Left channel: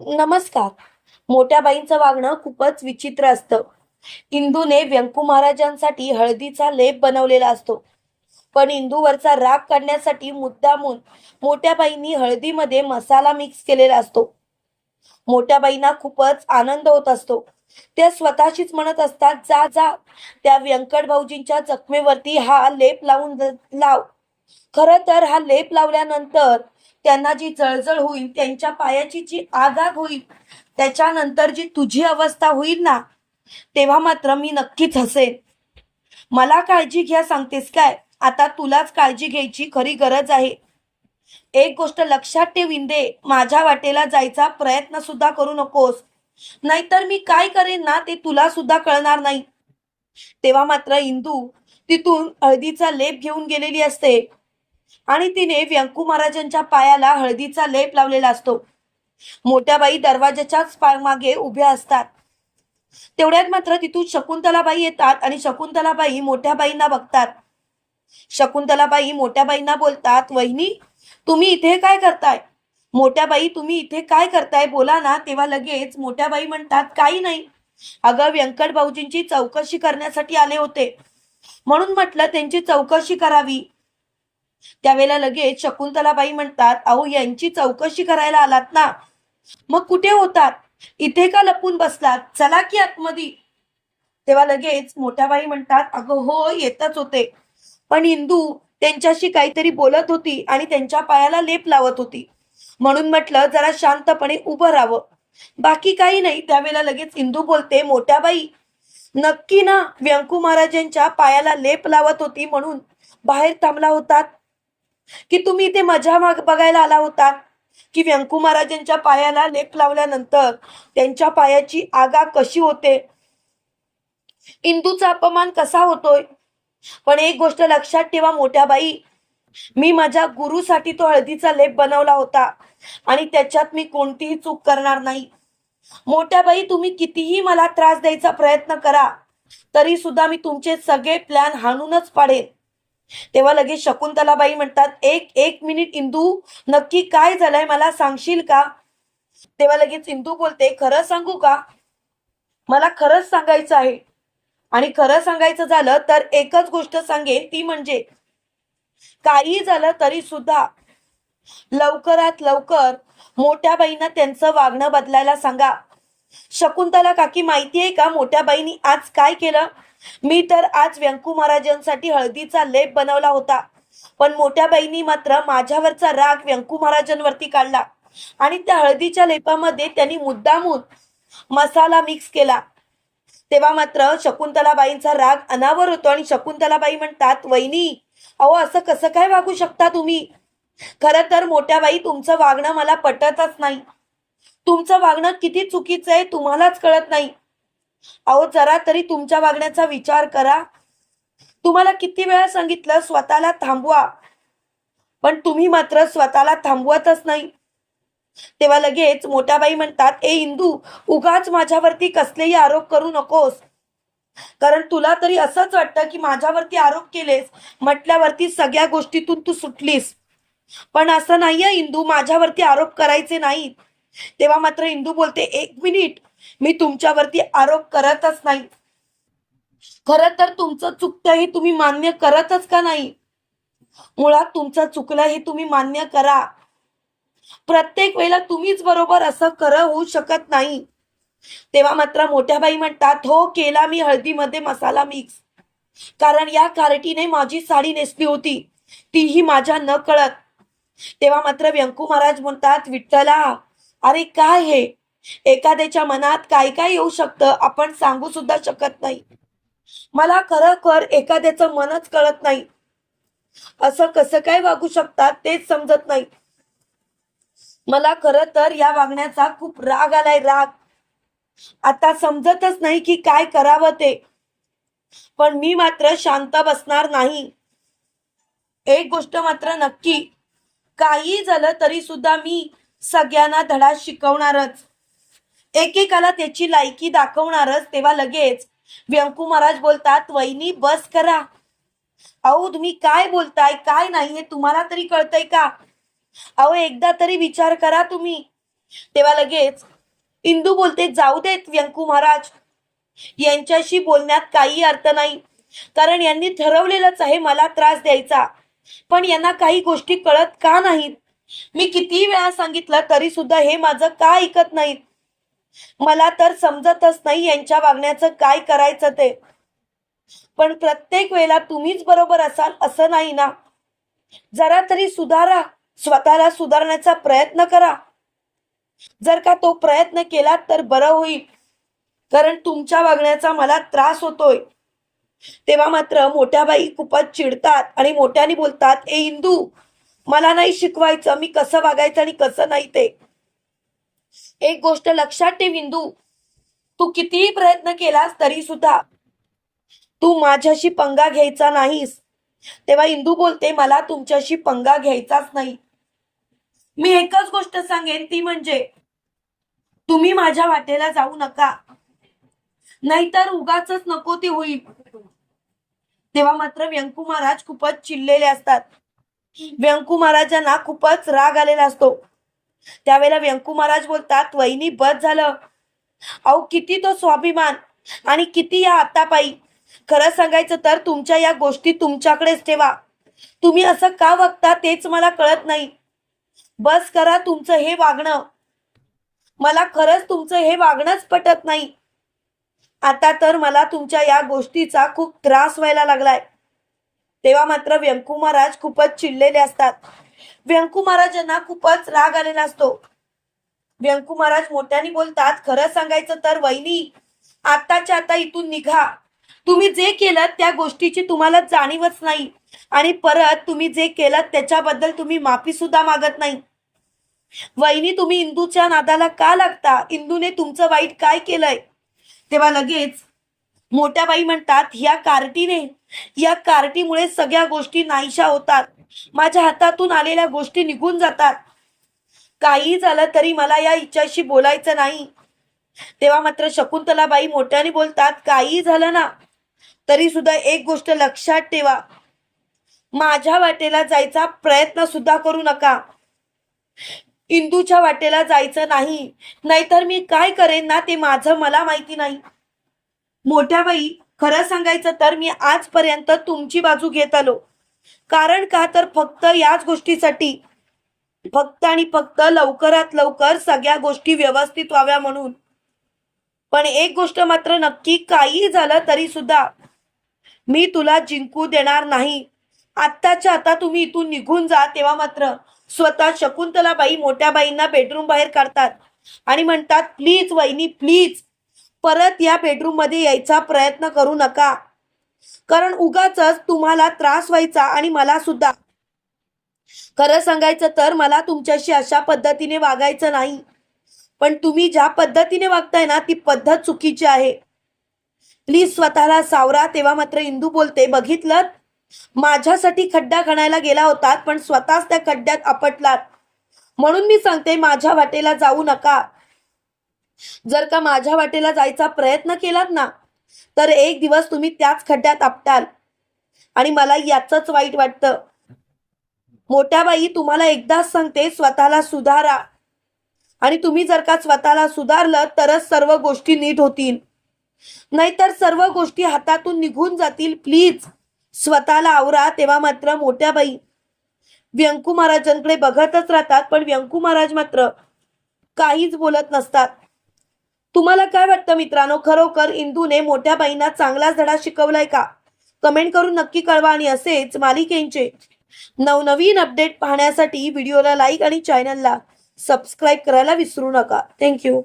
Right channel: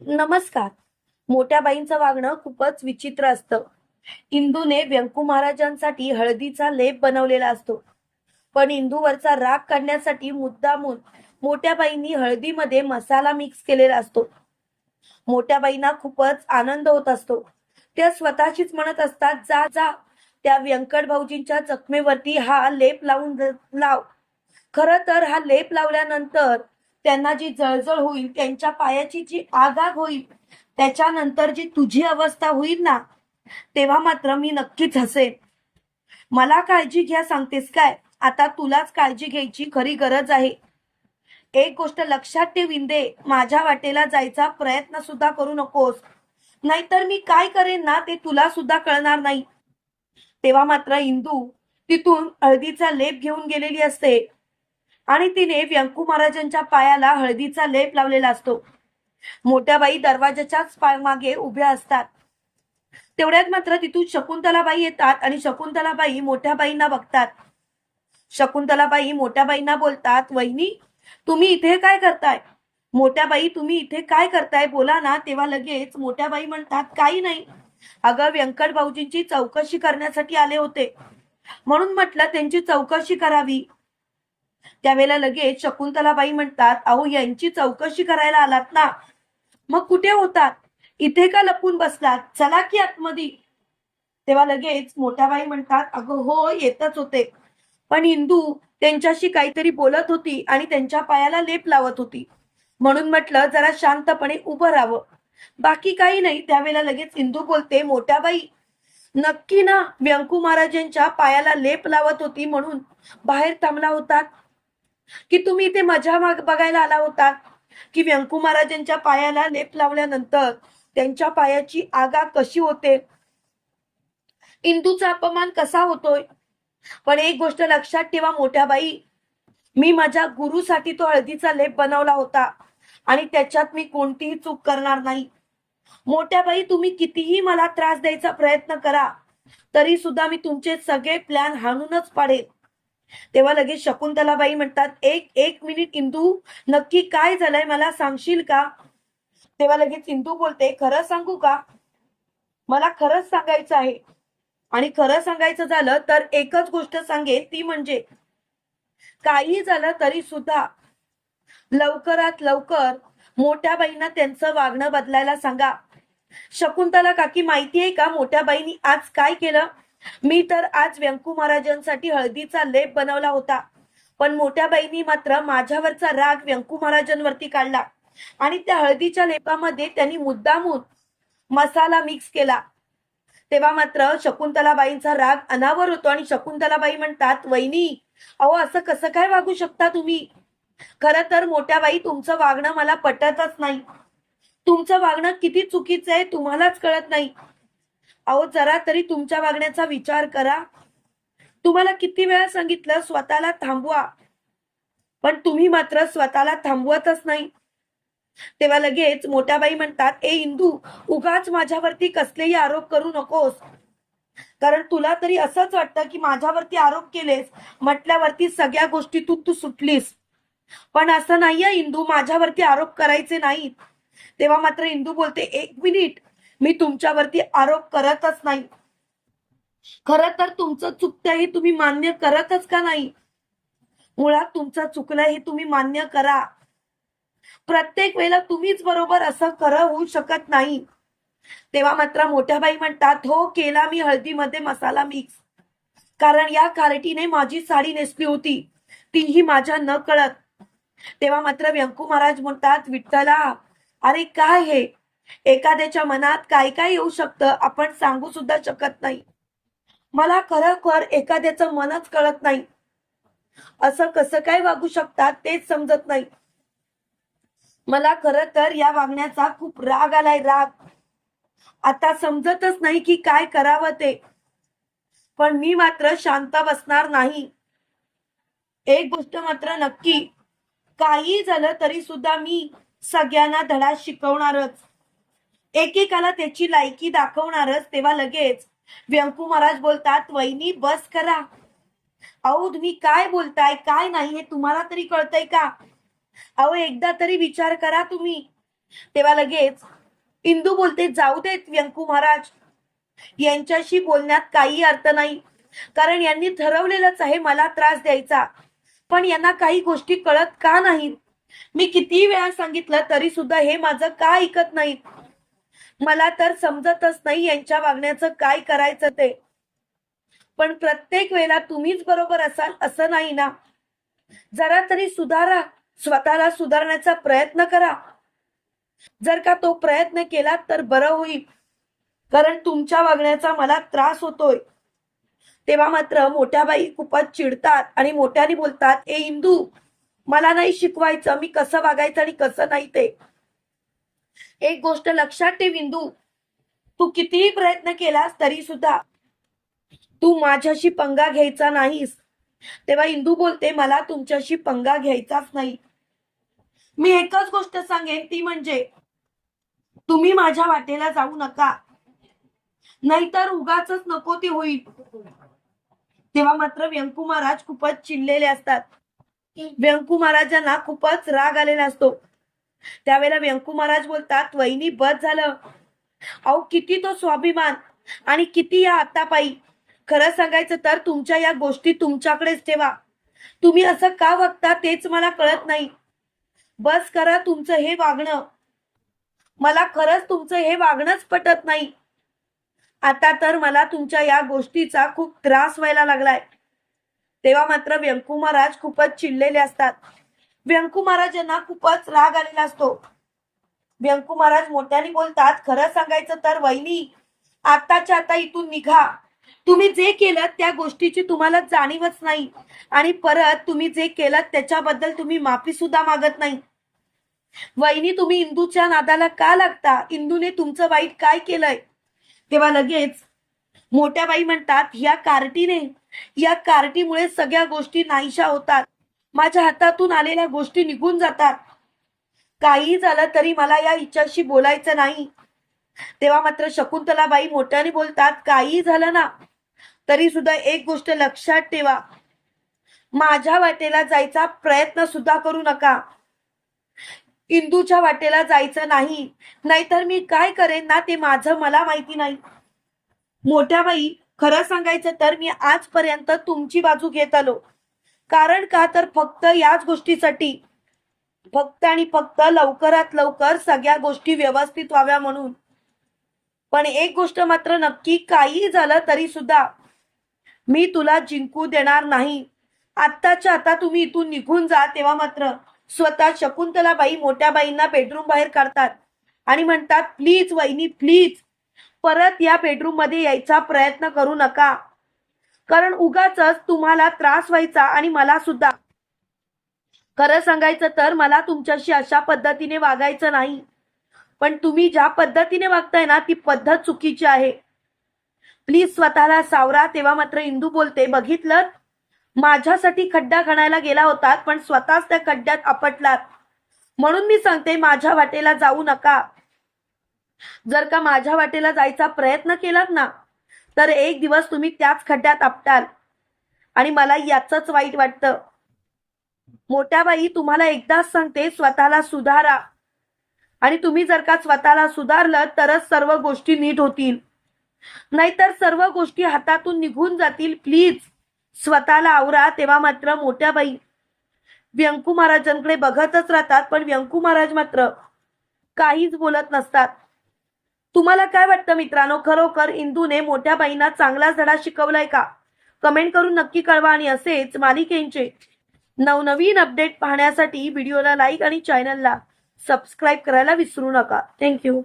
नमस्कार. मोठ्या बाईंचं वागणं खूपच विचित्र असतं. इंदूने व्यंकू महाराजांसाठी हळदीचा लेप बनवलेला असतो. पण इंदूवरचा राग काढण्यासाठी मुद्दामून मोठ्या बाईंनी हळदीमध्ये मसाला मिक्स केलेला असतो. मोठ्या बाईंना खूपच आनंद होत असतो. त्या स्वतःशीच म्हणत असतात जा जा. त्या व्यंकट भाऊजींच्या जखमेवरती हा लेप लावून लाव. खर तर हा लेप लावल्यानंतर त्यांना जी जळजळ होईल त्यांच्या पायाची जी आगाग होईल त्याच्यानंतर जी तुझी अवस्था होईल ना तेव्हा मात्र मी नक्कीच हसेन. मला काळजी घ्या सांगतेस काय? आता तुलाच काळजी घ्यायची खरी गरज आहे. एक गोष्ट लक्षात ठेविंदे माझ्या वाटेला जायचा प्रयत्न सुद्धा करू नकोस. नाहीतर मी काय करेन ना ते तुला सुद्धा कळणार नाही. तेव्हा मात्र इंदू तिथून हळदीचा लेप घेऊन गेलेली असते. आणि तिने व्यंकू महाराजांच्या पायाला हळदीचा लेप लावलेला असतो. मोठ्या बाई दरवाजाच्याच मागे उभ्या असतात. तेवढ्यात मात्र तिथून शकुंतलाबाई येतात आणि शकुंतलाबाई मोठ्या बाईंना बघतात. शकुंतलाबाई मोठ्या बाईंना बोलतात वहिनी तुम्ही इथे काय करताय? मोठ्या बाई तुम्ही इथे काय करताय? बोला ना. तेव्हा लगेच मोठ्या बाई म्हणतात काही नाही. अगं व्यंकट भाऊजींची चौकशी करण्यासाठी आले होते. म्हणून म्हटलं त्यांची चौकशी करावी. त्यावेळेला लगेच शकुंतलाबाई म्हणतात अहो यांची चौकशी करायला आलात ना? मग कुठे होतात? इथे का लपून बसलात? चला की आतमधी तेव्हा लगेच मोठ्या बाई म्हणतात अगं हो येतच होते. पण इंदू त्यांच्याशी काहीतरी बोलत होती आणि त्यांच्या पायाला लेप लावत होती. म्हणून म्हटलं जरा शांतपणे उभं राहावं. बाकी काही नाही त्यावेळेला लगेच इंदू बोलते मोठ्या बाई नक्की ना व्यंकू महाराजांच्या पायाला लेप लावत होती म्हणून बाहेर थांबला होतात. की तुम्ही इथे मजा माग- बघायला आला होता? की व्यंकू महाराजांच्या पायाला लेप लावल्यानंतर त्यांच्या पायाची आगा कशी होते? इंदूचा अपमान कसा होतोय? पण एक गोष्ट लक्षात ठेवा मोठ्या बाई मी माझ्या गुरुसाठी तो हळदीचा लेप बनवला होता आणि त्याच्यात मी कोणतीही चूक करणार नाही. मोठ्या बाई तुम्ही कितीही मला त्रास द्यायचा प्रयत्न करा तरी सुद्धा मी तुमचे सगळे प्लॅन हाणूनच पाडेन. तेव्हा लगेच शकुंतलाबाई म्हणतात एक एक मिनिट इंदू नक्की काय झालंय मला सांगशील का? तेव्हा लगेच इंदू बोलते खरं सांगू का? मला खरंच सांगायचं आहे. आणि खरं सांगायचं झालं तर एकच गोष्ट सांगेन ती म्हणजे काही झालं तरी सुद्धा लवकरात लवकर मोठ्या बाईंना त्यांचं वागणं बदलायला सांगा. शकुंतला काकी माहितीये का मोठ्या बाईंनी आज काय केलं? मी तर आज व्यंकू महाराजांसाठी हळदीचा लेप बनवला होता. पण मोठ्या बाईंनी मात्र माझ्यावरचा राग व्यंकू महाराजांवरती काढला. आणि त्या हळदीच्या लेपामध्ये त्यांनी मुद्दामून मसाला मिक्स केला. तेव्हा मात्र शकुंतलाबाईंचा राग अनावर होतो आणि शकुंतलाबाई म्हणतात वहिनी अहो असं कसं काय वागू शकता तुम्ही? खर तर मोठ्या बाई तुमचं वागणं मला पटतच नाही. तुमचं वागणं किती चुकीचं आहे तुम्हालाच कळत नाही. अहो जरा तरी तुमच्या वागण्याचा विचार करा. तुम्हाला किती वेळा सांगितलं स्वतःला थांबवा. पण तुम्ही मात्र स्वतःला थांबवतच नाही. तेव्हा लगेच मोठ्या बाई म्हणतात ए इंदू उगाच माझ्यावरती कसलेही आरोप करू नकोस. कारण तुला तरी असंच वाटतं की माझ्यावरती आरोप केलेस. म्हटल्यावरती सगळ्या गोष्टीतून तू सुटलीस. पण असं नाहीये इंदू माझ्यावरती आरोप करायचे नाहीत. तेव्हा मात्र इंदू बोलते एक मिनिट. मी तुमच्यावरती आरोप करतच नाही. खर तर तुमचं चुकतं हे तुम्ही मान्य करतच का नाही? मुळात तुमचं चुकलं हे तुम्ही मान्य करा. प्रत्येक वेळेला तुम्हीच बरोबर असं कर होऊ शकत नाही. तेव्हा मात्र मोठ्या बाई म्हणतात हो केला मी हळदीमध्ये मसाला मिक्स कारण या कार्टीने माझी साडी नेसली होती. तीही माझ्या न कळत. तेव्हा मात्र व्यंकू महाराज म्हणतात विठ्ठला अरे काय हे? एखाद्याच्या मनात काय काय येऊ शकतं आपण सांगू सुद्धा शकत नाही. मला खरोखर एखाद्याचं मनच कळत नाही. असं कसं काय वागू शकतात तेच समजत नाही. मला खर तर या वागण्याचा खूप राग आलाय राग. आता समजतच नाही की काय करावं ते. पण मी मात्र शांत बसणार नाही. एक गोष्ट मात्र नक्की काही झालं तरी सुद्धा मी सगळ्यांना धडा शिकवणारच. एकेकाला त्याची लायकी दाखवणारच तेव्हा लगेच व्यंकू महाराज बोलतात वहिनी बस करा. अहो तुम्ही काय बोलताय? काय नाही हे तुम्हाला तरी कळतंय का? अहो एकदा तरी विचार करा तुम्ही. तेव्हा लगेच इंदू बोलते जाऊ देत व्यंकू महाराज. यांच्याशी बोलण्यात काही अर्थ नाही. कारण यांनी ठरवलेलंच आहे मला त्रास द्यायचा. पण यांना काही गोष्टी कळत का नाहीत? मी किती वेळा सांगितलं तरी सुद्धा हे माझं का ऐकत नाहीत? मला तर समजतच नाही यांच्या वागण्याचं काय करायचं ते. पण प्रत्येक वेळेला तुम्हीच बरोबर असाल असं नाही ना? जरा तरी सुधारा स्वतःला सुधारण्याचा प्रयत्न करा. जर का तो प्रयत्न केला तर बरं होईल कारण तुमच्या वागण्याचा मला त्रास होतोय. तेव्हा मात्र मोठ्या बाई खूपच चिडतात आणि मोठ्याने बोलतात ए इंदू मला नाही शिकवायचं मी कसं वागायचं आणि कसं नाही ते. एक गोष्ट लक्षात ठेव इंदू. तू कितीही प्रयत्न केलास तरी सुद्धा तू माझ्याशी पंगा घ्यायचा नाहीस. तेव्हा इंदू बोलते मला तुमच्याशी पंगा घ्यायचाच नाही. मी एकच गोष्ट सांगेन ती म्हणजे तुम्ही माझ्या वाटेला जाऊ नका. नाहीतर उगाच नको ते होईल. तेव्हा मात्र व्यंकू महाराज खूपच चिडलेले असतात. व्यंकू महाराजांना खूपच राग आलेला असतो. त्यावेळेला व्यंकू महाराज बोलतात वहिनी बस झालं. अहो किती तो स्वाभिमान आणि किती या आतापायी. खरं सांगायचं तर तुमच्या या गोष्टी तुमच्याकडेच ठेवा. तुम्ही असं का वागता तेच मला कळत नाही. बस करा तुमचं हे वागणं. मला खरंच तुमचं हे वागणंच पटत नाही. आता तर मला तुमच्या या गोष्टीचा खूप त्रास व्हायला लागलाय. तेव्हा मात्र व्यंकू महाराज खूपच चिडलेले असतात. व्यंकू महाराजांना खूपच राग आलेला असतो. व्यंकू महाराज मोठ्याने बोलतात खरं सांगायचं तर वहिनी आताच्या आता इथून निघा. तुम्ही जे केलं त्या गोष्टीची तुम्हाला जाणीवच नाही. आणि परत तुम्ही जे केलं त्याच्याबद्दल तुम्ही माफी सुद्धा मागत नाही. वहिनी तुम्ही इंदूच्या नादाला का लागता? इंदूने तुमचं वाईट काय केलंय? तेव्हा लगेच मोठ्या बाई म्हणतात या कार्टीने या कार्टीमुळे सगळ्या गोष्टी नाहीशा होतात. माझ्या हातातून आलेल्या गोष्टी निघून जातात. काही झालं तरी मला या इच्छाशी बोलायचं नाही. तेव्हा मात्र शकुंतलाबाई मोठ्याने बोलतात काही झालं ना तरी सुद्धा एक गोष्ट लक्षात ठेवा. माझ्या वाटेला जायचा प्रयत्न सुद्धा करू नका. इंदूच्या वाटेला जायचं नाही नाहीतर मी काय करेन ना ते माझं मला माहिती नाही. मोठ्या बाई खरं सांगायचं तर मी आजपर्यंत तुमची बाजू घेत आलो. कारण का तर फक्त याच गोष्टीसाठी? फक्त आणि फक्त लवकरात लवकर सगळ्या गोष्टी व्यवस्थित व्हाव्या म्हणून. पण एक गोष्ट मात्र नक्की काही झालं तरी सुद्धा मी तुला जिंकू देणार नाही. आत्ताच्या आता तुम्ही इथून निघून जा तेव्हा मात्र स्वतः शकुंतलाबाई मोठ्या बाईंना बेडरूम बाहेर काढतात आणि म्हणतात प्लीज वहिनी प्लीज परत या बेडरूममध्ये यायचा प्रयत्न करू नका. कारण उगाच तुम्हाला त्रास व्हायचा आणि मला सुद्धा. खरं सांगायचं तर मला तुमच्याशी अशा पद्धतीने वागायचं नाही. पण तुम्ही ज्या पद्धतीने वागताय ना ती पद्धत चुकीची आहे. प्लीज स्वतःला सावरा तेव्हा मात्र इंदू बोलते बघितलं? माझ्यासाठी खड्डा खणायला गेला होतात पण स्वतःच त्या खड्ड्यात आपटलात. म्हणून मी सांगते माझ्या वाटेला जाऊ नका. जर का माझ्या वाटेला जायचा प्रयत्न केलात ना तर एक दिवस तुम्ही त्याच खड्ड्यात आपटाल. आणि मला याच वाईट वाटतं. मोठ्या बाई तुम्हाला एकदाच सांगते स्वतःला सुधारा. आणि तुम्ही जर का स्वतःला सुधारलं तरच सर्व गोष्टी नीट होतील. नाहीतर सर्व गोष्टी हातातून निघून जातील प्लीज. स्वतःला आवरा तेव्हा मात्र मोठ्या बाई व्यंकू महाराजांकडे बघतच राहतात पण व्यंकू महाराज मात्र काहीच बोलत नसतात. तुम्हाला काय वाटतं मित्रांनो? खरोखर इंदूने मोठ्या बाईंना चांगलाच धडा शिकवलाय का? कमेंट करून नक्की कळवा आणि असेच मालिकेंचे नवनवीन अपडेट पाहण्यासाठी व्हिडिओला लाईक आणि चॅनलला सबस्क्राईब करायला विसरू नका. थँक्यू.